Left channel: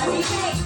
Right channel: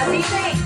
Amazing.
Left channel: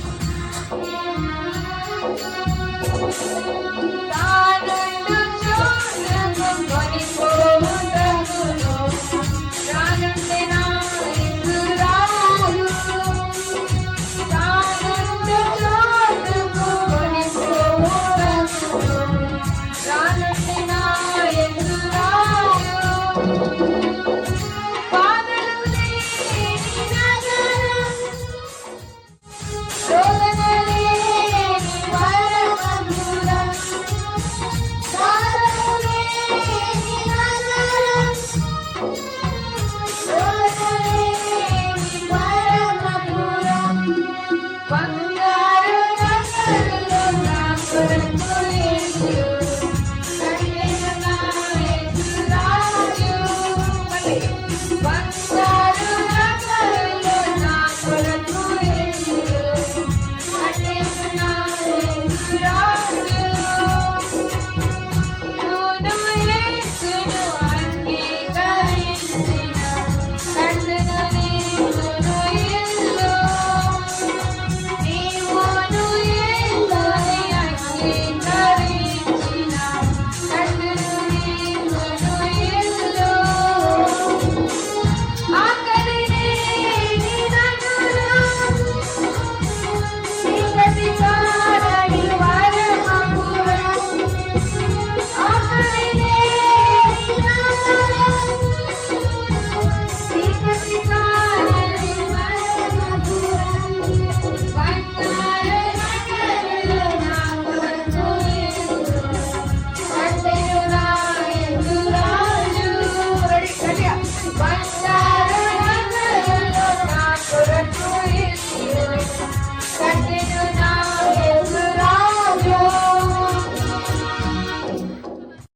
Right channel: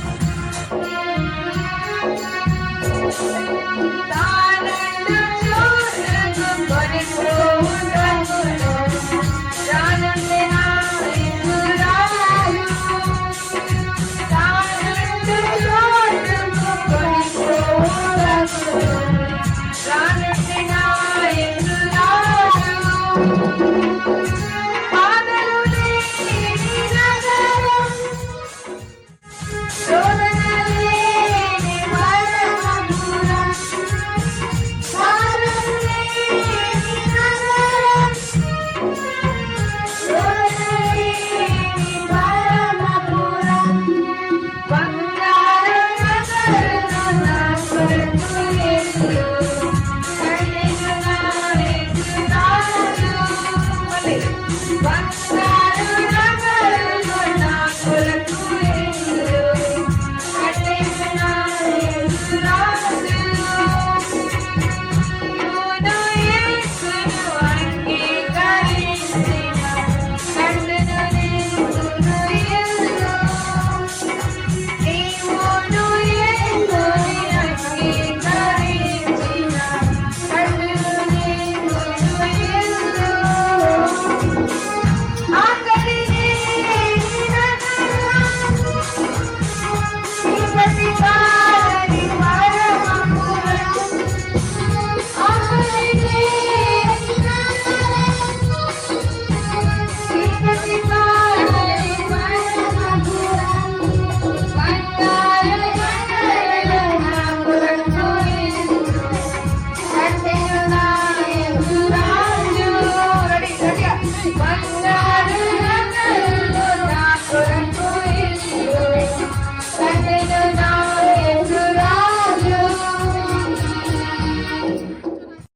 Thank you.